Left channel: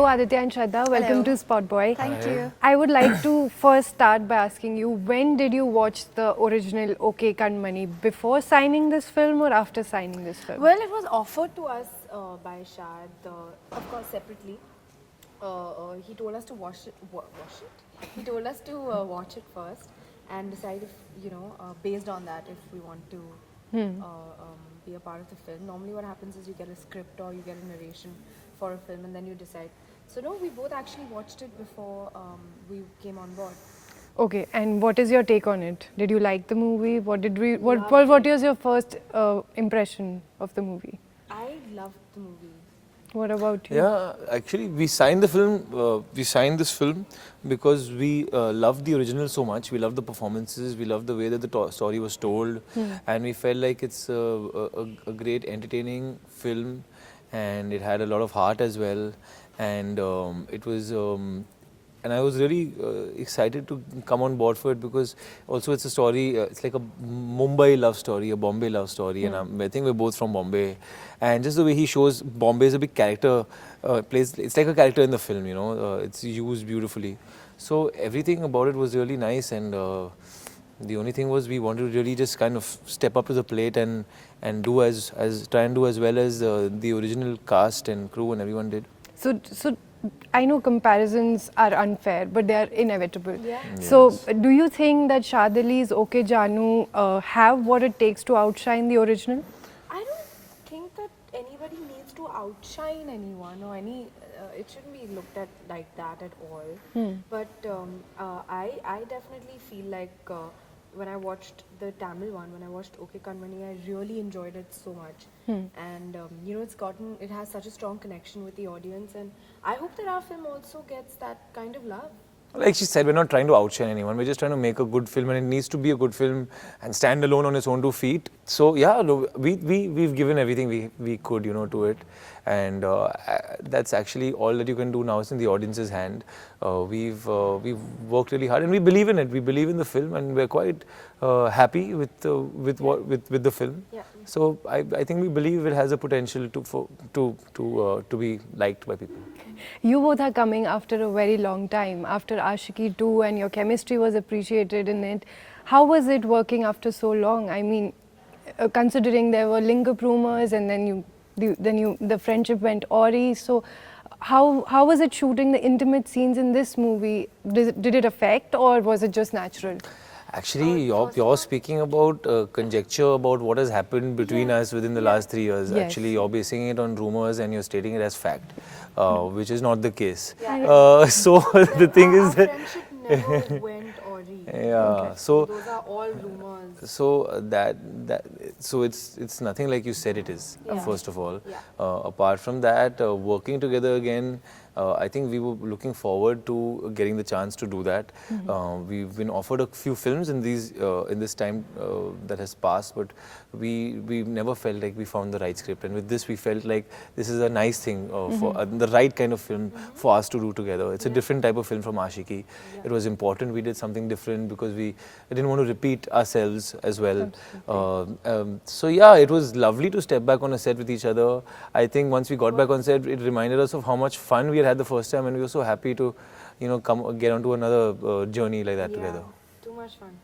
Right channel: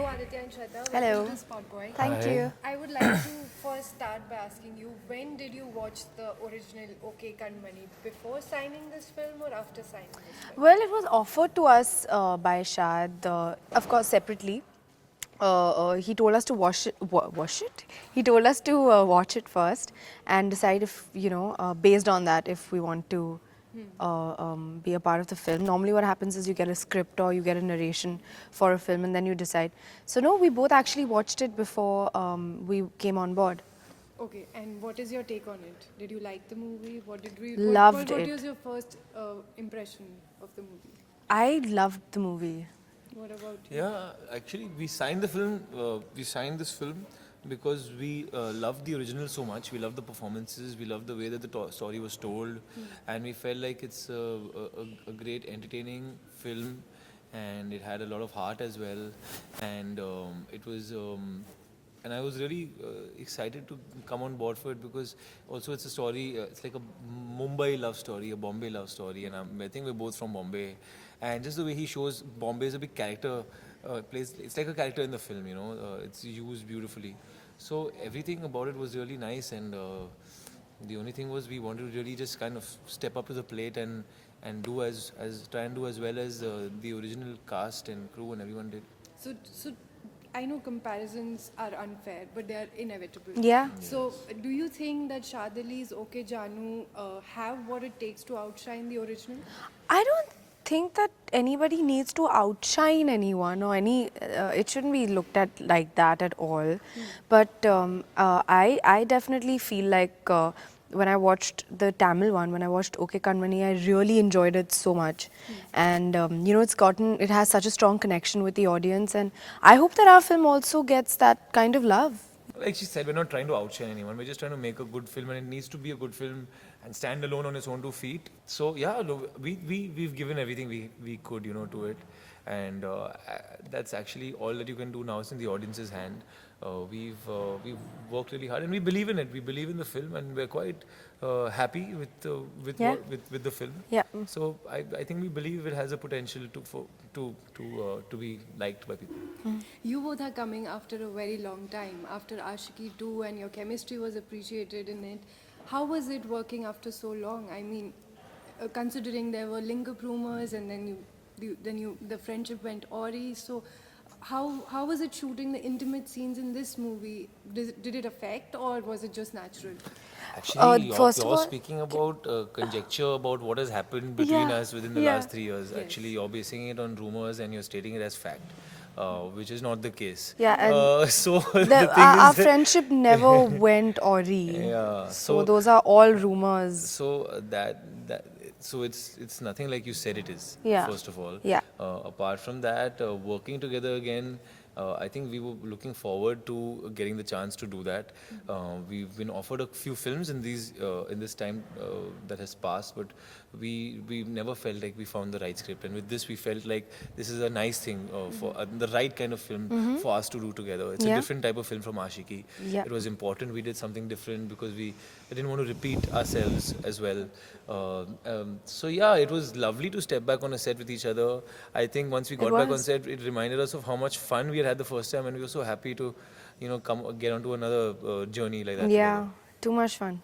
Hello Aditya and Shraddha, welcome to SpotboyE. Thank you. I would like to first start by asking you, when did you watch the original OK Jaanu before signing this film or after signing this film? Well, it was offered to us by Shad, of course, separately. He told us to watch it. He told us to watch it first and decide if, based on that, if we want to be a part of the film. Normally what happens is you get a script or you get a narration for a film and then you decide. So no, we both actually watched it before we came on board. Okay, and what is your take on it? Did you like the movie? What Loved it. was your first impression of the movie? I loved the movie. What about you? Yeah, actually, we signed the film. We signed this film because we loved the original so much. We loved the performances. We loved the way that the story was told, and we felt like it's a great, entertaining film, and it had a lot of heart as well, and it was. And I was really excited to come on board for it because also it's a story, it's like a Mumbai love story, a Bombay love story, and I think we're both from Bombay. And just the way he shows Bombay is a big character, it's like a character in the film, it's used beautifully. So everything about it was really nice, and the only thing was we wanted to really just kind of step up to the plate and try and do as well as the original cast and crew and everyone did. So I know comparisons are unfair, but they are inevitable. Yeah. So, do you think that Shad Ali's OK Jaanu have what it takes to outshine the original? I don't think that anybody needs to outshine anyone or it shouldn't be looked at like that at all. But I definitely feel like when I watched the Tamil one, when I watched OK Kanmani, I really enjoyed it so much. And it has such a strong connection with the audience, and I hope that our film also gets that kind of love. Like she said, we're not trying to outshine anyone. We're just trying to make a good film, and it needs to be a good film and stand alone on its own two feet. So yeah, we've given everything we could, to it, and that's actually all that you can do now. It's in the audience's hand. We've worked really hard, and we believe in it. We believe in the film, and we're quite happy with the film. Yeah. So I think we believe it has a potential to be liked by people. You both are coming after a very long time, after Ashiki 2, and your chemistry was appreciated in it. How was it working after so long? I mean, considering there were link-up rumors, and then the friendship went awry. So, how was it shooting the intimate scenes in this movie? Did it affect, or was it just natural? Actually, you're speaking about conjecture about what has happened between us within the last 3 years. Yes. Actually, you're basing it on rumors and you're stating it as fact, which is not the case. Yeah. So the thing our is that friendship never went awry. Yeah. So those are all rumors. So so it's nothing like you said it is. Yeah. First of all. Yeah. Apart from that, working together again. I think we were looking forward to getting the chance to do that. We've been offered a few films in this time that has passed, but we never felt like we found the right script. And with this, we felt like this is a nice thing for the right kind of film for us to do together. It's a different type of film from Ashiki. Yeah. It was important we did something different because we didn't want to repeat ourselves as well. So yeah, it was lovely to step back on a set with each other. I think once we got back on set, it reminded us of how much fun we had the first time, and we were so happy to, get onto another journey like that together. Too much fun.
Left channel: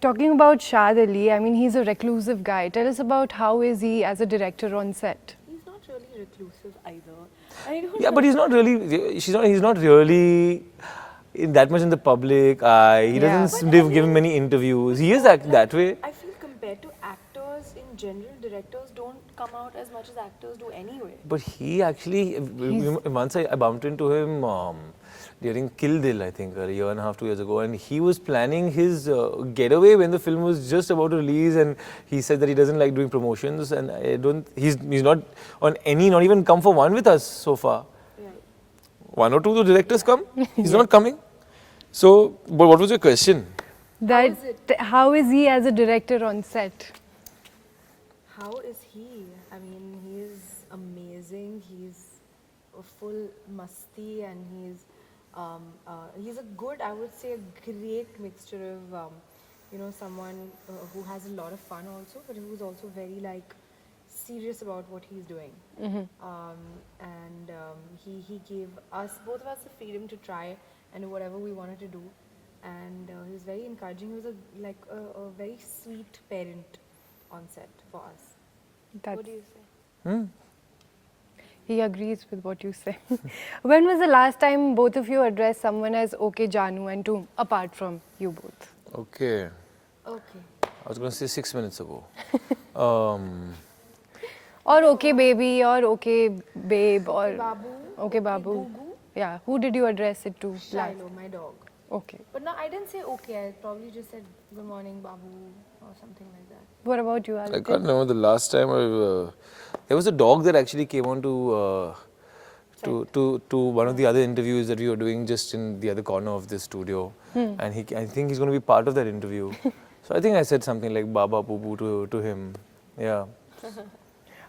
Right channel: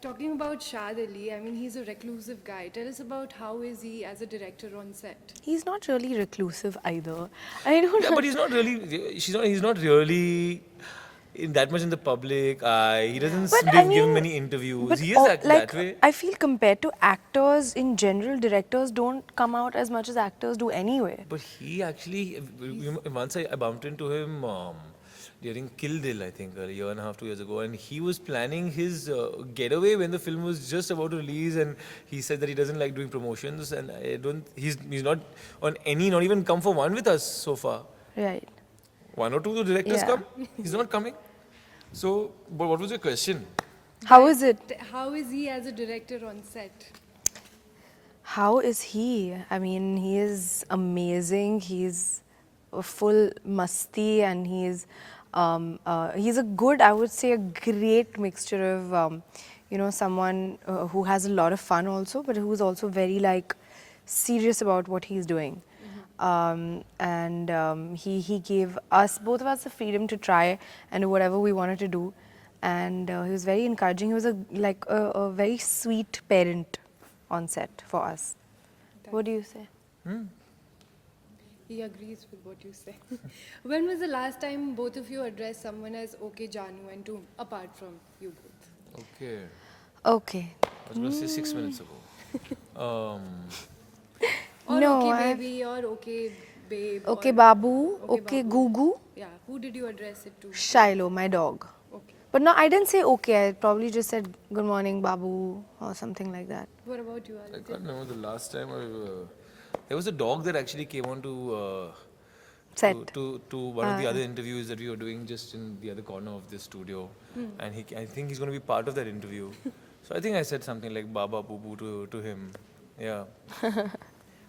Talking about Shad Ali, I mean, he's a reclusive guy. Tell us about how is he as a director on set? He's not really reclusive either. I don't Yeah, but he's not really. He's not really that much in the public eye. He doesn't give many interviews. He is that way. I feel compared to actors in general, directors don't come out as much as actors do anyway. But he actually, once I bumped into him during Kill Dil, I think, a year and a half, 2 years ago, and he was planning his getaway when the film was just about to release, and he said that he doesn't like doing promotions, and he's not on any, not even come for one with us so far. Right. One or two the directors come, he's not coming. So, but what was your question? How is it? How is he as a director on set? How is he? I mean, he is amazing. He's a full masti, and he's a good, I would say, a great mixture of, someone who has a lot of fun also, but who's also very serious about what he's doing. And he gave us, both of us, the freedom to try and do whatever we wanted to do. And he was very encouraging. He was a very sweet parent on set for us. What do you say? He agrees with what you say. When was the last time both of you addressed someone as OK Jaanu and to apart from you both? Okay. Okay. I was going to say 6 minutes ago. Or No, OK baby or OK babe. Okay, or Babu. Okay, Okay, Babu. Gugu. Yeah, who did you address it to? Shiloh, my dog. Okay. But no, I didn't say okay. I probably just said good morning, Babu, or something like that. What about you, I Aditya? can't remember the last time there was a dog that actually came on to Set. to one of the other interviews that we were doing just in the other corner of this studio, and I think he's going to be part of that interview. So I think I said something like Baba Poo Poo to him. Yeah.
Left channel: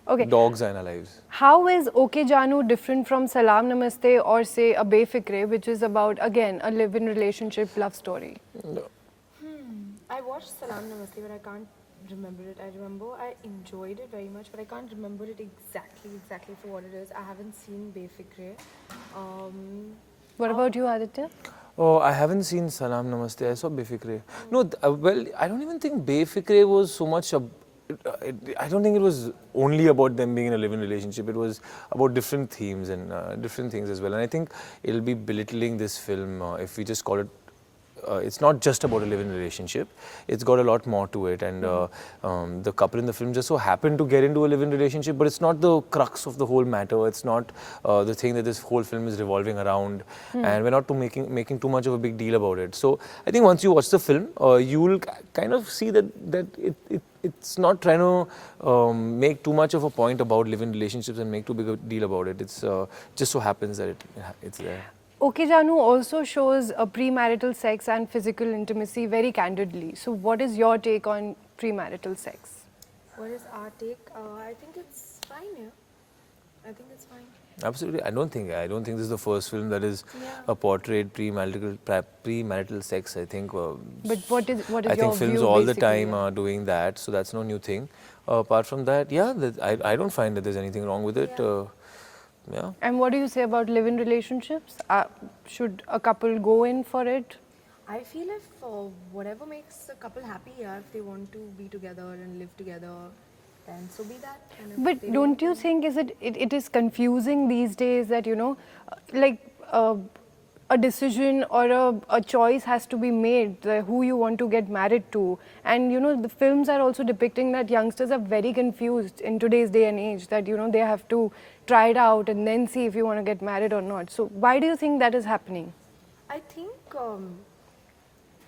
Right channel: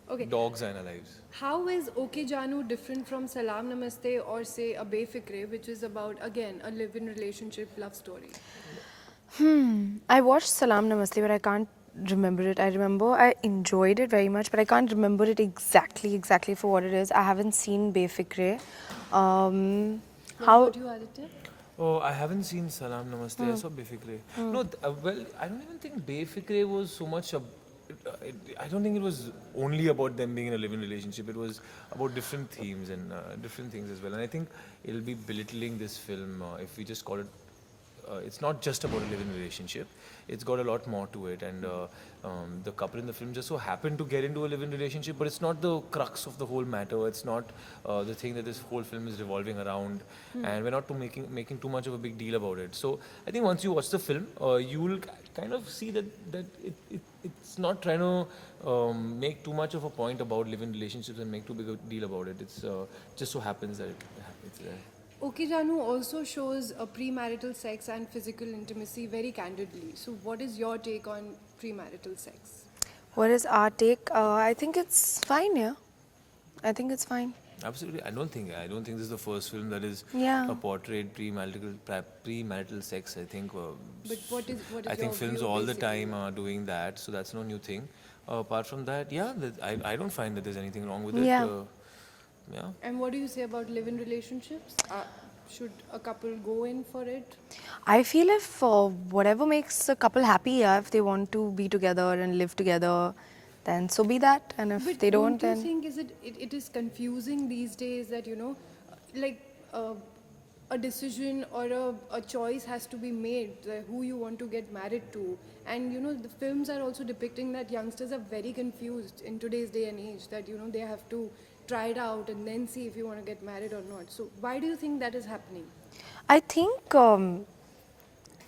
Okay. Dogs are in our lives. How is OK Jaanu different from Salam Namaste or say a Befikre, which is about, again, a live-in relationship love story? I watched Salam Namaste, but I can't remember it. I remember I enjoyed it very much, but I can't remember it exactly for what it is. I haven't seen Befikre. What about you, Aditya? Oh, I haven't seen Salam Namaste. I saw Befikre. No, well, I don't even think Befikre was so much. I don't think it was only about them being in a live-in relationship. It was about different themes and different things as well. And I think it'll be belittling this film if we just call it. It's not just about a live-in relationship. It's got a lot more to it, and the couple in the film just so happened to get into a live-in relationship, but it's not the crux of the whole matter. It's not the thing that this whole film is revolving around, and we're not making too much of a big deal about it. So I think once you watch the film, you will kind of see that it's not trying to make too much of a point about live-in relationships and make too big a deal about it. It's just so happens that it's there. OK Jaanu also shows premarital sex and physical intimacy very candidly. So what is your take on premarital sex? What is our take? I think it's fine, yeah. I think it's fine. Absolutely, I don't think this is the first film that is Yeah. portrayed premarital sex. I think. But what is I your think films view all the basically? time are doing that, so that's no new thing. Apart from that, yeah, I don't find that there's anything wrong with it. Yeah. Yeah. And what do you say about live-in relationships? Should a couple go in for it? I feel if whatever makes a couple happy, yeah, if they want to be together and live together, then so be that. And if But they don't you then- think it is confusing these days that, you know, like a decision or a choice has to be made, who you want to get married to. And, you know, the films are also depicting that youngsters are very confused in today's day and age, that, you know, they have to try it out and then see if you want to get married or not. So why do you think that is happening? I think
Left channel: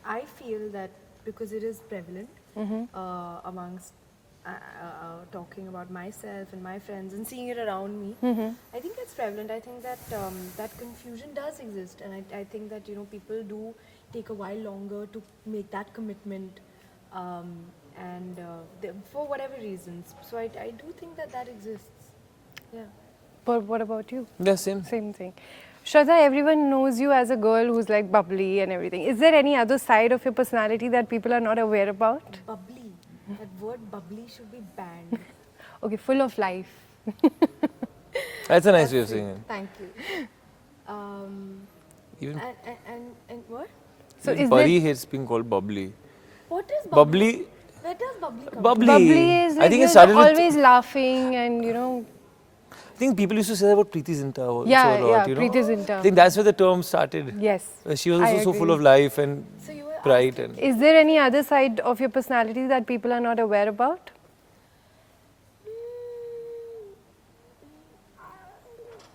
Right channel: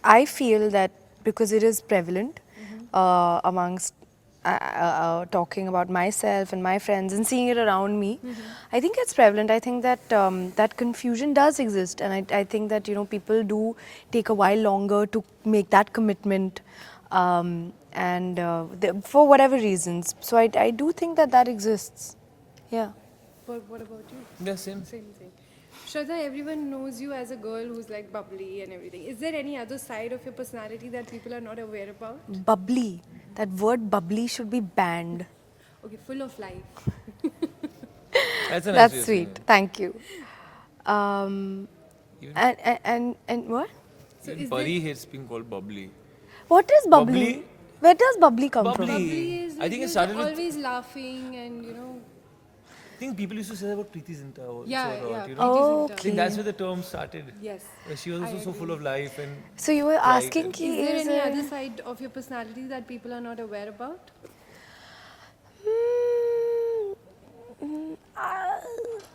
I feel that because it is prevalent amongst talking about myself and my friends and seeing it around me, I think it's prevalent. I think that that confusion does exist, and I think that, you know, people do take a while longer to make that commitment, for whatever reasons. So I do think that that exists. Yeah. But what about you? Yeah, same. Same thing. Shraddha, everyone knows you as a girl who's like bubbly and everything. Is there any other side of your personality that people are not aware about? Bubbly. That word bubbly should be banned. Okay, full of life. That's a nice way That's of saying sweet. it. Thank you. Even And what? So even is Pari there, hates being called bubbly. What is bubbly? Bubbly? Where does bubbly come Bubbly. from? bubbly is I like think it you're started with- always laughing and, you know, I think people used to say that about Preeti Zinta also yeah, a lot, yeah, you know. Preeti Oh, Zinta. I think that's where the term started. Yes. She was I also so full agree. of life and So you were pride asking, and- ki Is there any there- other side of your personality that people are not aware about?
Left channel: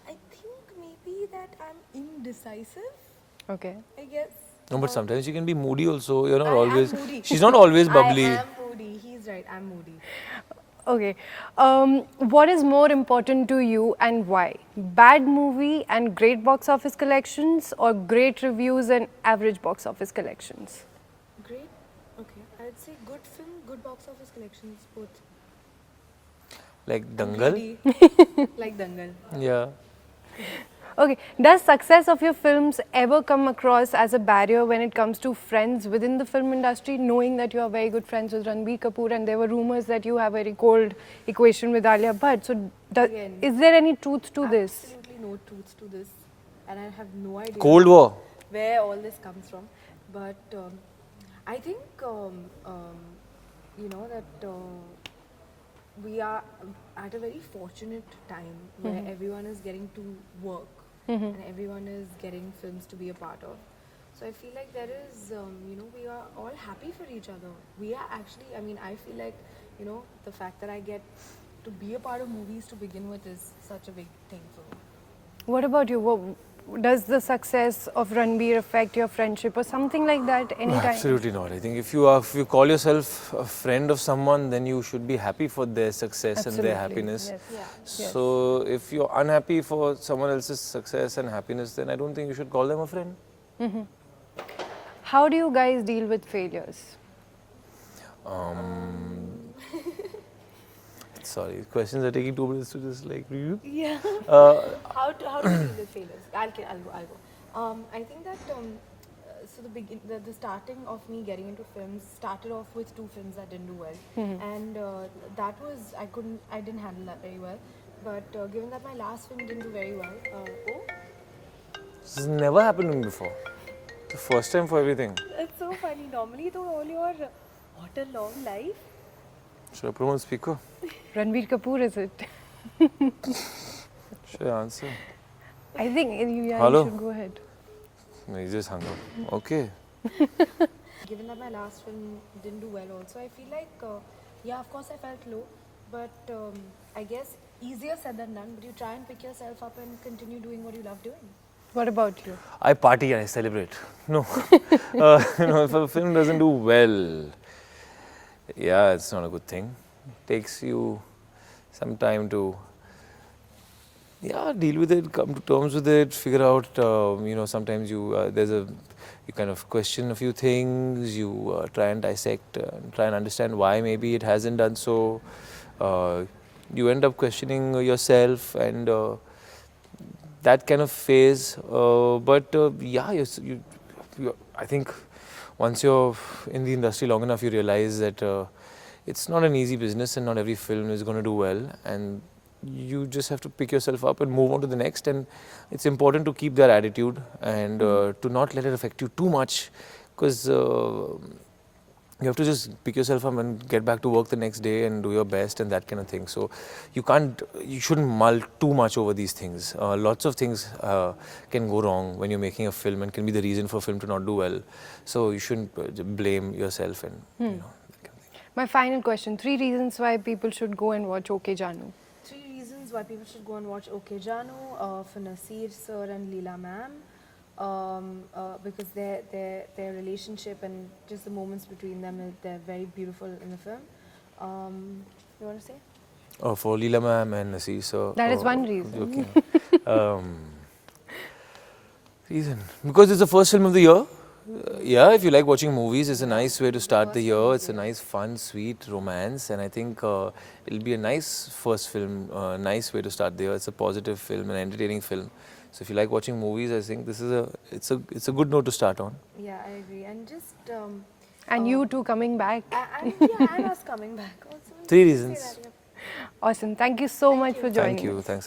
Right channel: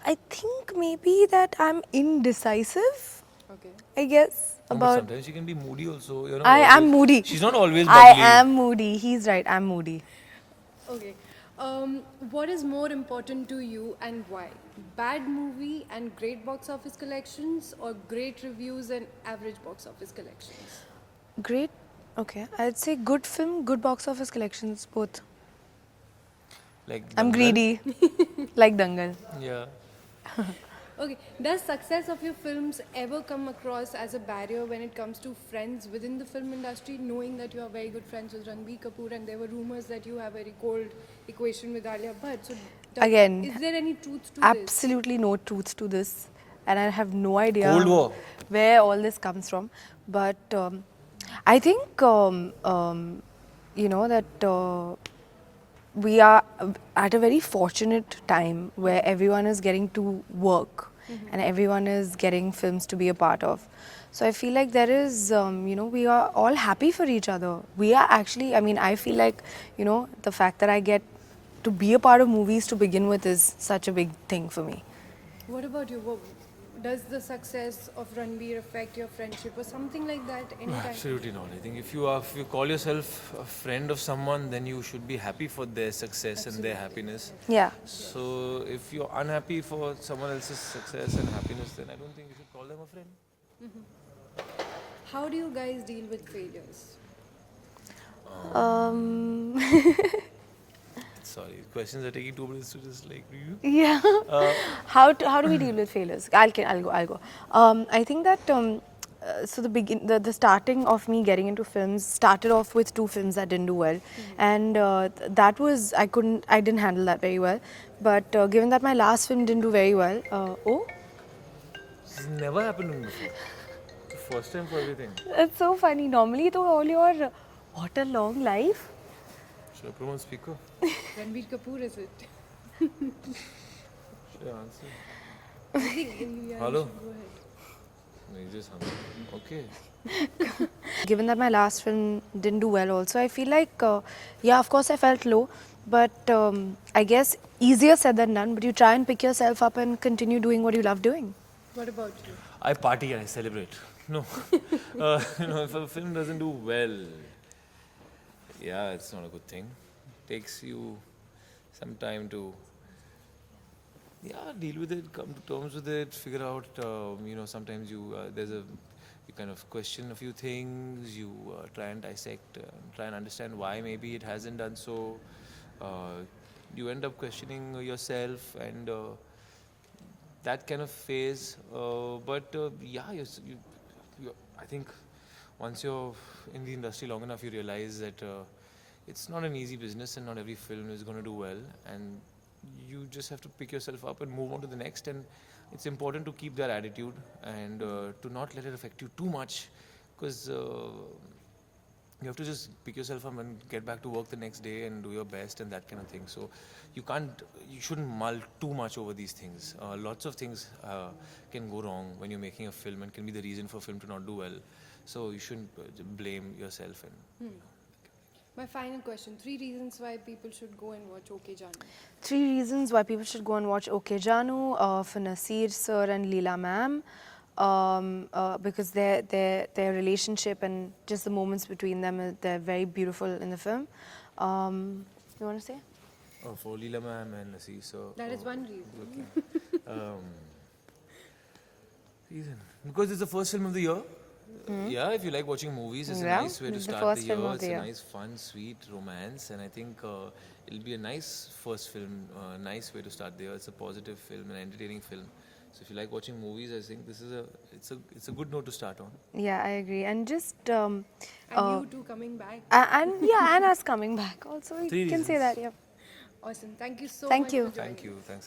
I think maybe that I'm indecisive, Okay. I guess. No, but sometimes she can be moody also. You're not I am always- moody. She's not always I bubbly. am moody. He's right. I'm moody. Okay. What is more important to you and why? Bad movie and great box office collections, or great reviews and average box office collections? Great. Okay. I'd say good film, good box office collections, both. Like I'm Dangal. greedy. Like Dangal. Yeah. Okay, does success of your films ever come across as a barrier when it comes to friends within the film industry, knowing that you are very good friends with Ranbir Kapoor and there were rumors that you have a very cold equation with Alia Bhatt. So, Again, is there any truth to this? Absolutely no truth to this, and I have no idea Cold War. where all this comes from. But I think you know that we are at a very fortunate time where everyone is getting to work and everyone is getting films to be a part of. So I feel like there is, you know, we are all happy for each other. We are actually, I mean, I feel like, you know, the fact that I get to be a part of movies to begin with is such a big thing for me. What about you? Does the success of Ranbir affect your friendship or something like that anytime? Absolutely not. I think if you call yourself a friend of someone, then you should be happy for their success and their happiness. Yes. Yeah. So if you're unhappy for someone else's success and happiness, then I don't think you should call them a friend. How do you guys deal with failures? Sorry, questions are taking 2 minutes to just like review. Yeah. How do we deal with failures? I'll go. I think that so the starting of me getting into films started off with 2 films that didn't do well, and that was I didn't handle that very well. But given that my last film didn't do very well, This has never happened to me before. The first time for everything. it's so funny. Normally, though, all your what a long life. Should I put on speaker? Ranbir Kapoor, is it? Should I answer? I think you Hello? should go ahead. No, he just hung up. Okay. Given that my last film didn't do well also, I feel like, yeah, of course I felt low, but I guess easier said than done, but you try and pick yourself up and continue doing what you love doing. What about you? I party and I celebrate. No. You know, if a film doesn't do well, yeah, it's not a good thing. It takes you some time to, yeah, deal with it, come to terms with it, figure out, you know, sometimes you, you kind of question a few things, you try and dissect, try and understand why maybe it hasn't done so. You end up questioning yourself and that kind of phase. Yeah, I think once you're in the industry long enough, you realize that it's not an easy business and not every film is going to do well. And you just have to pick yourself up and move on to the next. And it's important to keep that attitude and to not let it affect you too much, because you have to just pick yourself up and get back to work the next day and do your best and that kind of thing. So you shouldn't mull too much over these things. Lots of things can go wrong when you're making a film and can be the reason for a film to not do well. So you shouldn't blame yourself and you know, that kind of thing. My final question, 3 reasons why people should go and watch OK Jaanu. 3 reasons why people should go and watch OK Jaanu for Nasir sir and Leela ma'am. Because their relationship and just the moments between them, they're very beautiful in the film. You want to say? Oh, for Leela ma'am and Nasir, so... That is one reason. Joking. Reason? Because it's the first film of the year. Yeah, if you like watching movies, it's a nice way to start the year. It's a nice, fun, sweet romance, and I think it'll be a nice first film, nice way to start the year. It's a positive film, an entertaining film. So if you like watching movies, I think this is it's a good note to start on. Yeah, I agree. And just And you two coming back. and yeah, and us coming back also. 3 you reasons. can say that, yeah. Awesome. Thank you so much for joining. Thank you. Thanks.